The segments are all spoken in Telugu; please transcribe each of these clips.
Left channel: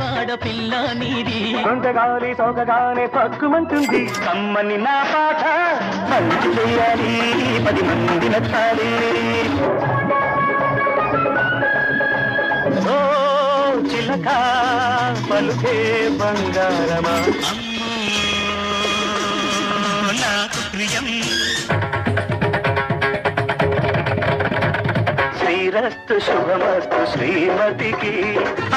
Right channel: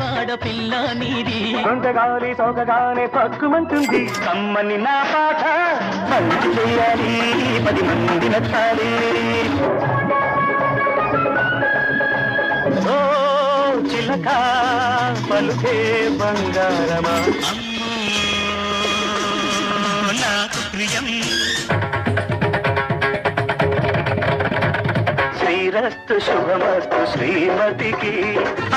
వాడపిల్ల నీది కొంతగాలి సోకగానే పక్కుమంటుంది కమ్మని నా పాట పలుకే బంగారమా నాకు ప్రియం శ్రీరస్తు శ్రీమతికి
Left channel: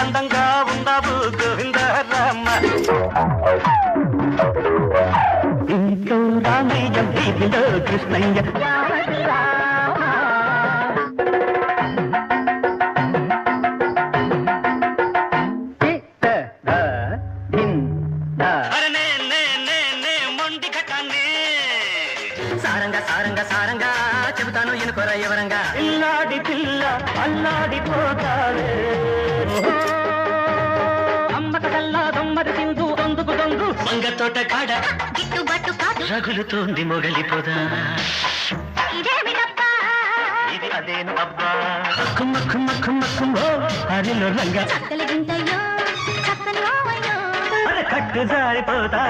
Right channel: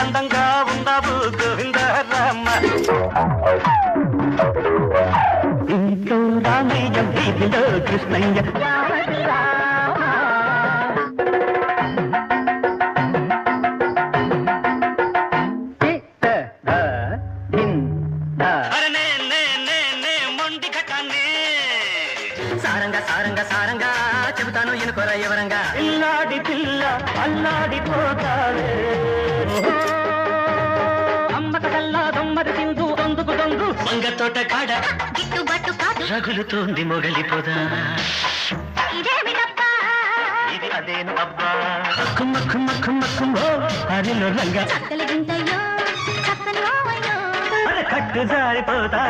అందంగా ఉండవు గోవిందరామ కృష్ణయ్య మొగలిపోదా అదేను అబ్బా కుమ్మ కుమ్మ కుమ్మ కుమ్మ హరిలో రంగ కట్టు జారిపోతా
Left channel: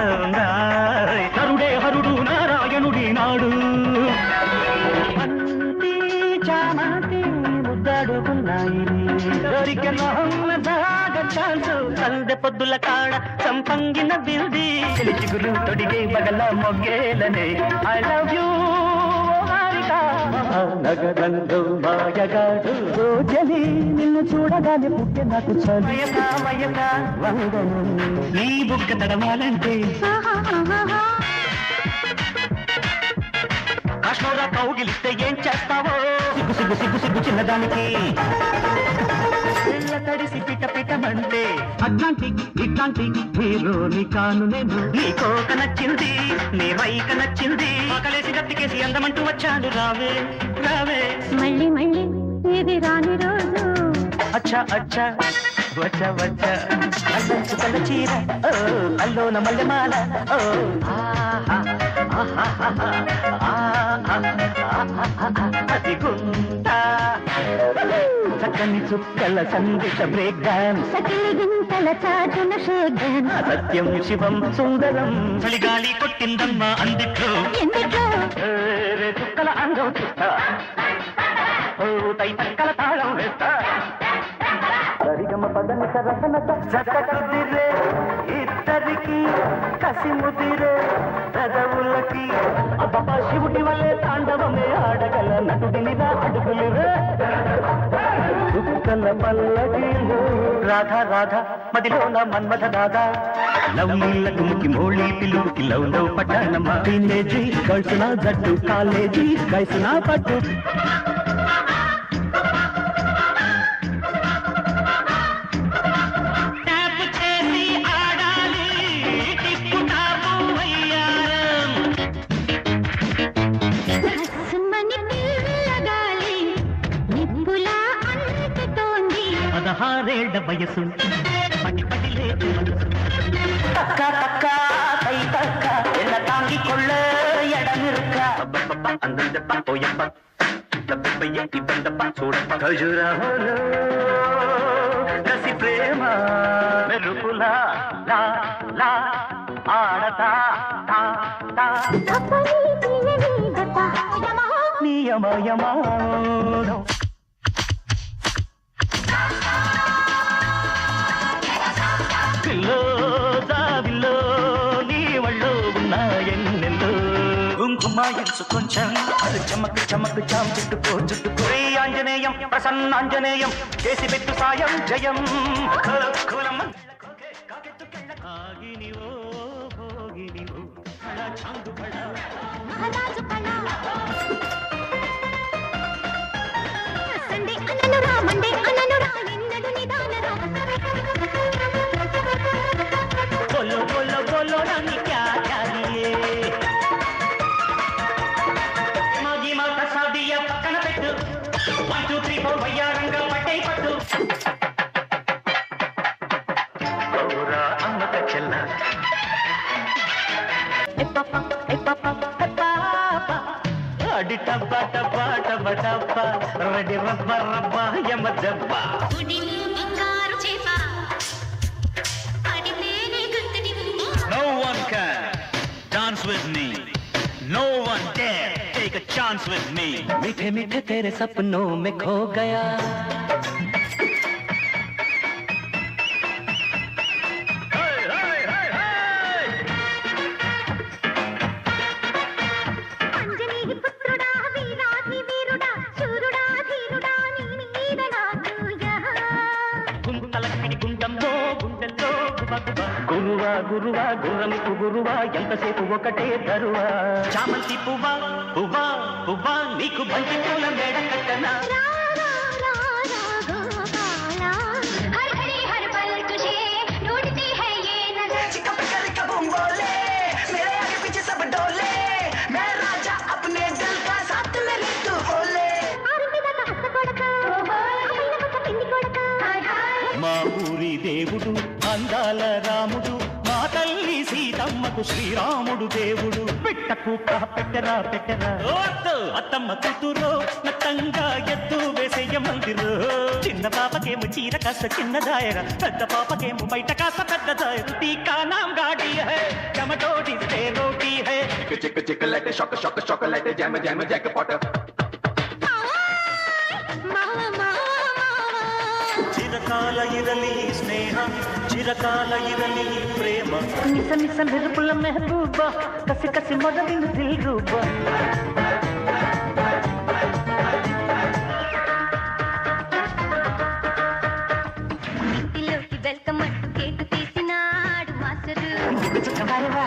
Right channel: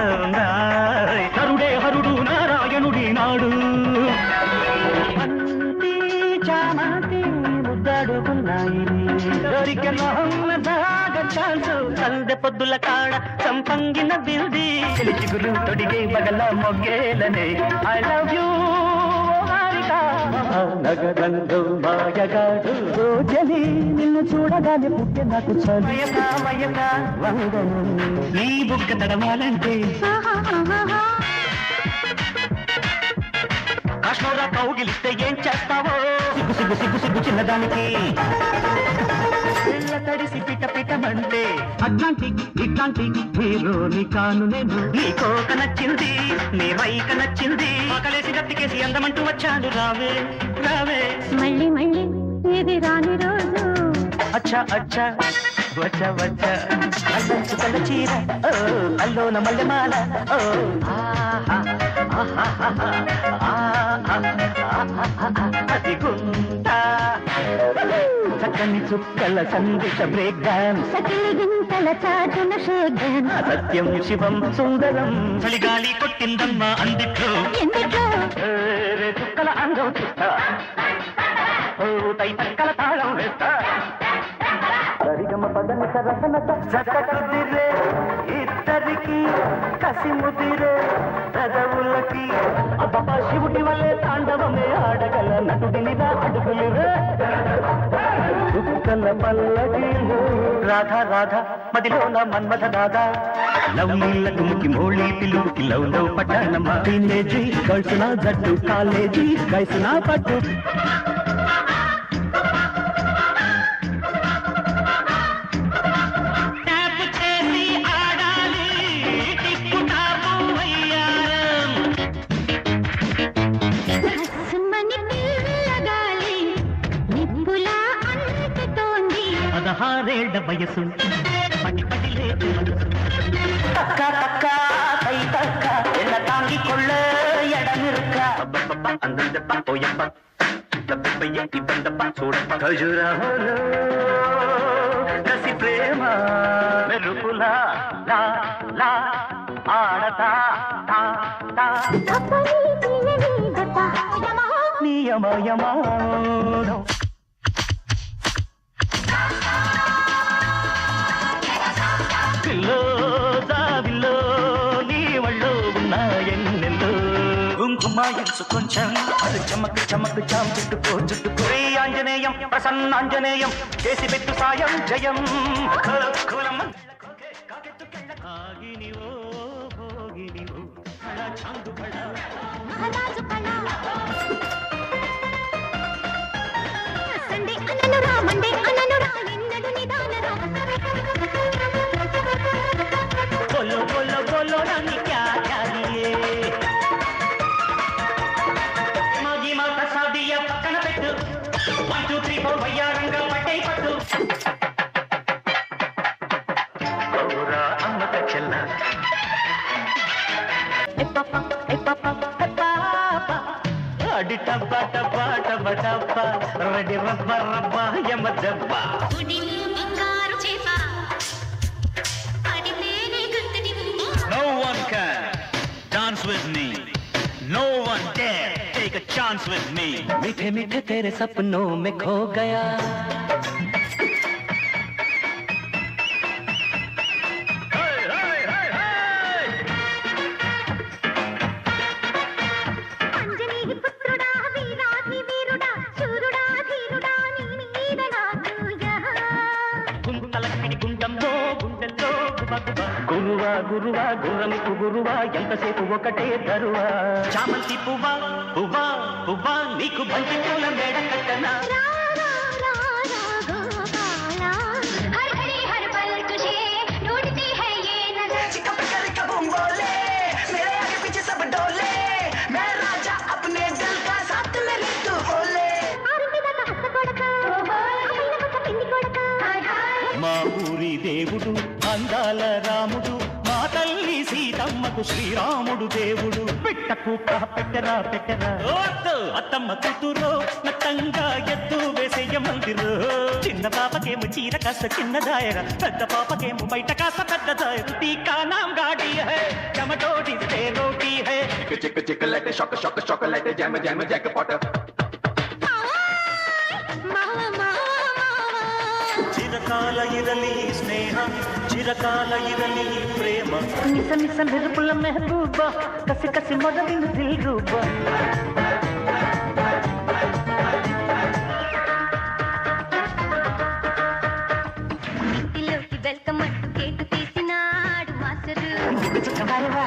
హరుడే హరుడు నారాయణుడి నాడు అంతి చామంతి ముద్దాడుకున్నాయి సందె పొద్దుల కాడ సంపంగిన బిల్ది చిగురు తొడిగే బగల మొగ్గేలనే ఐ లవ్ యూ నగరంలో మాయగాడు రోజలి నిన్ను చూడగానే పుట్టే నాకు నీ బుక్క తడవాలంటే కాశ్మీరా కౌగిలిస్తే ఏం చేస్తావో సిగ్గు సిగ్గు సిగ్గు చిన్నదానికి తడిసి పిట పిటమంటే అట్లాంటి ఇట్లాంటి హీరోని కాను నేను నీ కోక నచ్చింది నీ రైక నచ్చింది ఆకలేసి గట్టికేసి అందమంటూ వచ్చాడు రావే రావే మళ్ళీ మళ్ళీ ఇది రాని రోజు అచ్చా అచ్చా వచ్చ వచ్చ అల్లంచుకల చీర అల్లోన మల్లెమాల చక్కని చుక్కల సందేశ బ్రేక్ డాన్స్ గింతల చాటున షేక్ డాన్స్ సత్యం శివం సుందరం చలిగాలి కుట్టిందమ్మా అందిట్లో తైతక్కల తాళం వేస్తా సరిగమ పదన సరసనత చక్కదిరే ఇద్దరికి కసి ముదిరే పెదవులకి అబ్బా శివుడి వల్లే తాండవమే ఆడగల నటుడినిదా అడుగులురే దుఃఖల పల్లకిలో రాధా రాధా మదిలోన మన్మథ దాదా లవ్ నీళ్ళ తుమ్కి మోళీ పిలుపుకి లవ్ లవ్ పట్టణమా టీనేజీ కలిసిన జట్టు కాలేజీ కలిసిన పట్టు పదహారేళ్ల వయసు తక్క తక్క కై తక్క ఎల్ల తాంగికొళ్ళ ఎడమిరుక్క అందం పోయప్ప డబ్బయ్యేటి బండప్ప చూడప్ప ఖజురాహోలో రసి ప్రేమ మెరుపులా లా లా ఆడతా నియమయమానం దావిలో నీ వళ్ళు ఉన్నాయన్నెల్లు కుంకుమ ఎంచు కొంచెం చమక్ చమక్ చాం చుట్టుకో చుట్టుకో ఆంజనేయం ప్రసన్నాంజనేయం చేసి పెట్టు సాయం జయం बोलो बोलो बोलो रानी क्या चाहिए मागी माता सादिया पక్కన పెట్టు 1 2 3 4 వయ్యారంగా పట్టే పట్టు అన్నత చెల్ల ఏ పాపా అడి టబ్బా టబ్బా టబ్బా టబ్బా రెడీ రబ్బా రబ్బా యమ దబ్బా with me. No one dare take a chance with me. मीठे मीठे तेरे सपनों में खो गया అంజనీ పుత్రుడా వీరాధి వీరుడా శూరుడా ధీరుడా నీ మీద నాకు గుంతలక్కడి గుండంలో గుండెల్లో గురువా గురువా గురులకు గురువా ఎంతసేపు ఒకటే తరువా చామంతి పువ్వా పువ్వా పువ్వా నీకు బంతి పూల మేడ కట్టనా हर घड़ी हर पल तुझे ढूंढती है ये नजर चिकन पिकल का बूम बोले मेरे आगे पीछे सब डोले मैं राजा अपने दिल का साथ लेने तू बोले ఆరుమిదక హస్త కొడక అమ్మిన కొత్త పిండి కొడక మా ఊరి దేవుడు అందాల రాముడు మా తల్లి సీతమ్మకు శ్రీరాముడు దేవుడు పెట్ట కూత పెట్టరా పెట్టరా అత్తమ్మ కూతురు నత్తంగా ఎద్దు వేసేయ మందిరు చిన్న పాపకేమో చీర కాస్త చిన్న దాయర పెద్ద పాపకేమో బయట కాస్త పెద్ద దాయర టీకా నామ్ గాడి హై చమటోడి తే రోటీ హై చిక్ చిక్ light shock shock shock light జమ్ జమ్ జక్ పాట సంబుల మెహబూబా కసి కసి మొదలు రేగుబా ఇంటిలోకి వెల్కమ్ గేటు తీసినాడు మాస్టర్ కళ్ళ చొక్కబారివా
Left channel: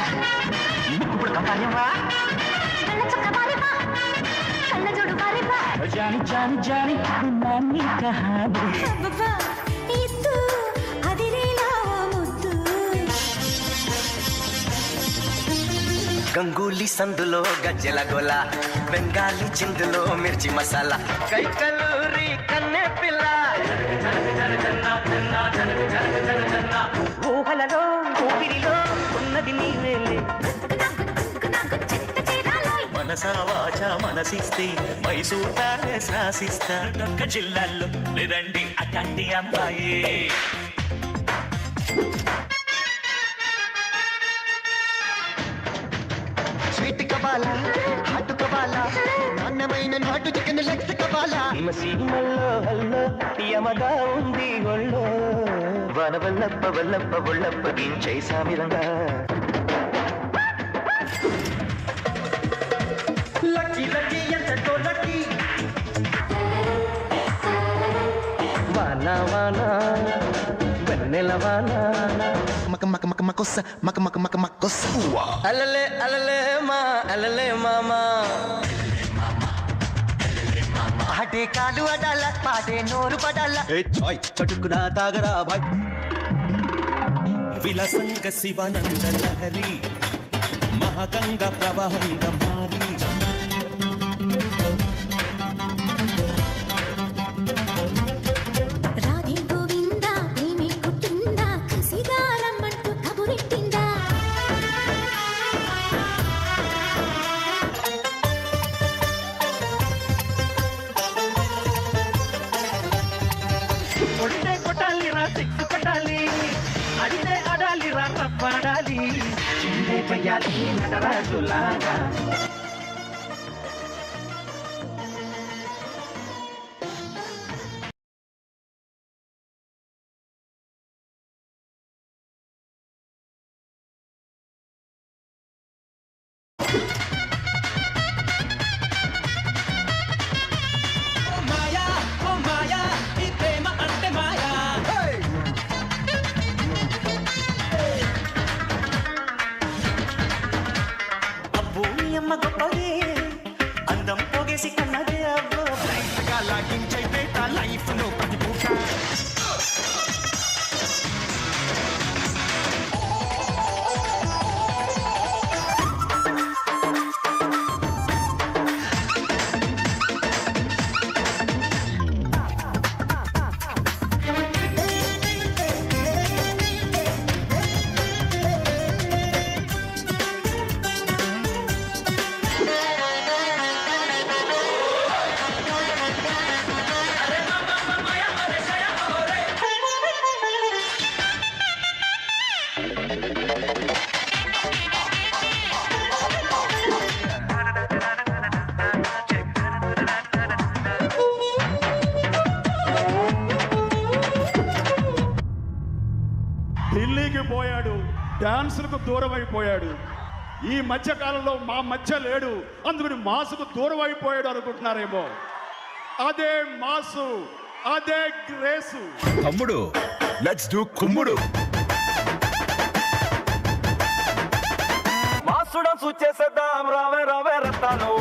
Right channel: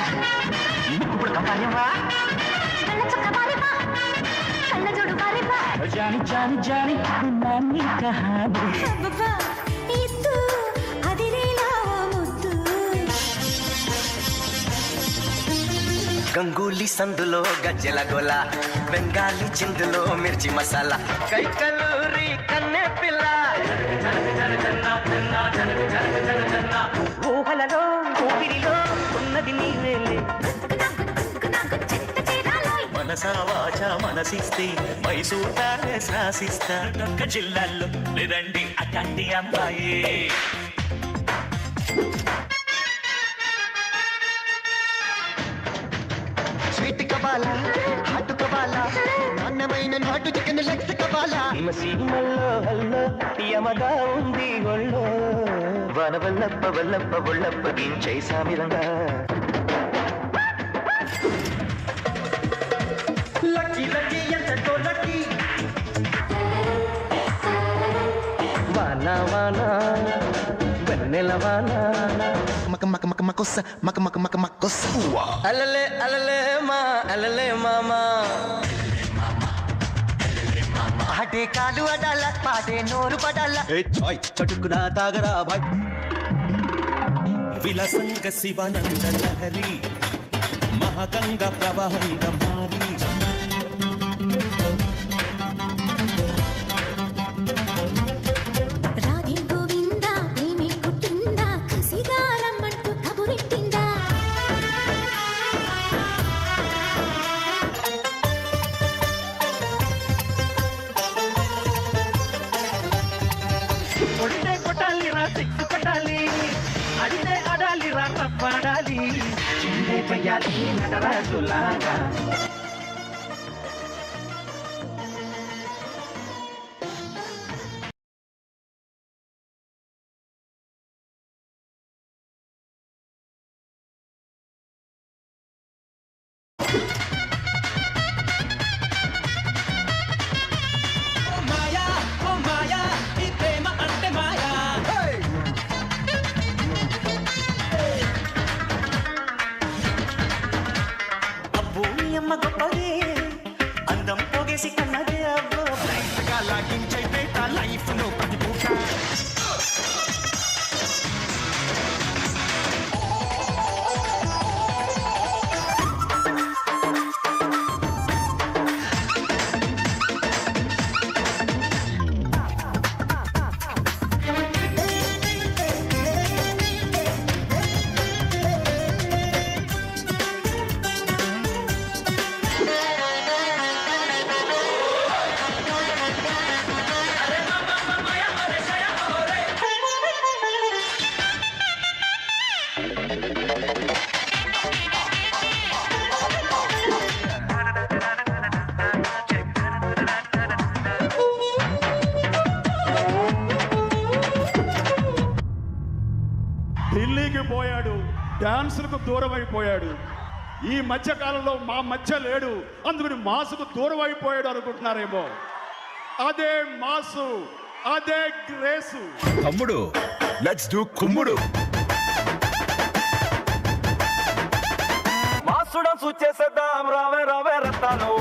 కళ్ళ జోడు బారివా జాని జాని జాని నాన్ని కహాని గంగూలీ సందులో గజ్జల గొల బెంగాలీ చిందులు మిర్చిల కైకలూరి కన్నె పిల్ల ఊహలలో ఊపిరిలో ఉన్నది నీవేలే మనసా వాచ మనసిస్తే మనసూతా శాసిస్తా జిల్లాల్లో ఇదండి అకండి అమ్మాయి స్వీట్ కబాలా హాట్ కబాలా నాన్నమైన నాటుకు కబాలా మసీదులో హల్లో యమదా ఉంది ఒళ్ళో వనగల్లో చేశారు మహాగంగా ప్రవాహంగా మారి రాధే గోవింద ప్రేమి పుట్టిందా సిగారమ్మంటూ కబురెట్టిందా కొడితే కొట్టాలి రా సిక్కు కొట్టాలి అడితే ఆడాలి రా తప్పాడాలి చిందే పయ్యాలి నటరాజులాగా మాయా ఓ మాయా ఈ ప్రేమ అంటే మాయా అబ్బో నీ అమ్మ గొప్పదే అందం పోగేసి కన్నదే అబ్బో లైఫ్ గా లాగించైతే ఆ లైఫ్ లో పది పూట డాన్సులకు దూరం అయిపోయాడు. ఈ మధ్య కాలంలో మా మధ్య లేడు, అందుకని మాసుకు దూరం అయిపోయాడు అనుకుంటున్నారేమో. అదే మాసు, అదే గ్రేసు. తమ్ముడు లెట్స్ డూ కుమ్ముడు. మాసుడ చేసేద్దాం రావే రావే రత్తాలు.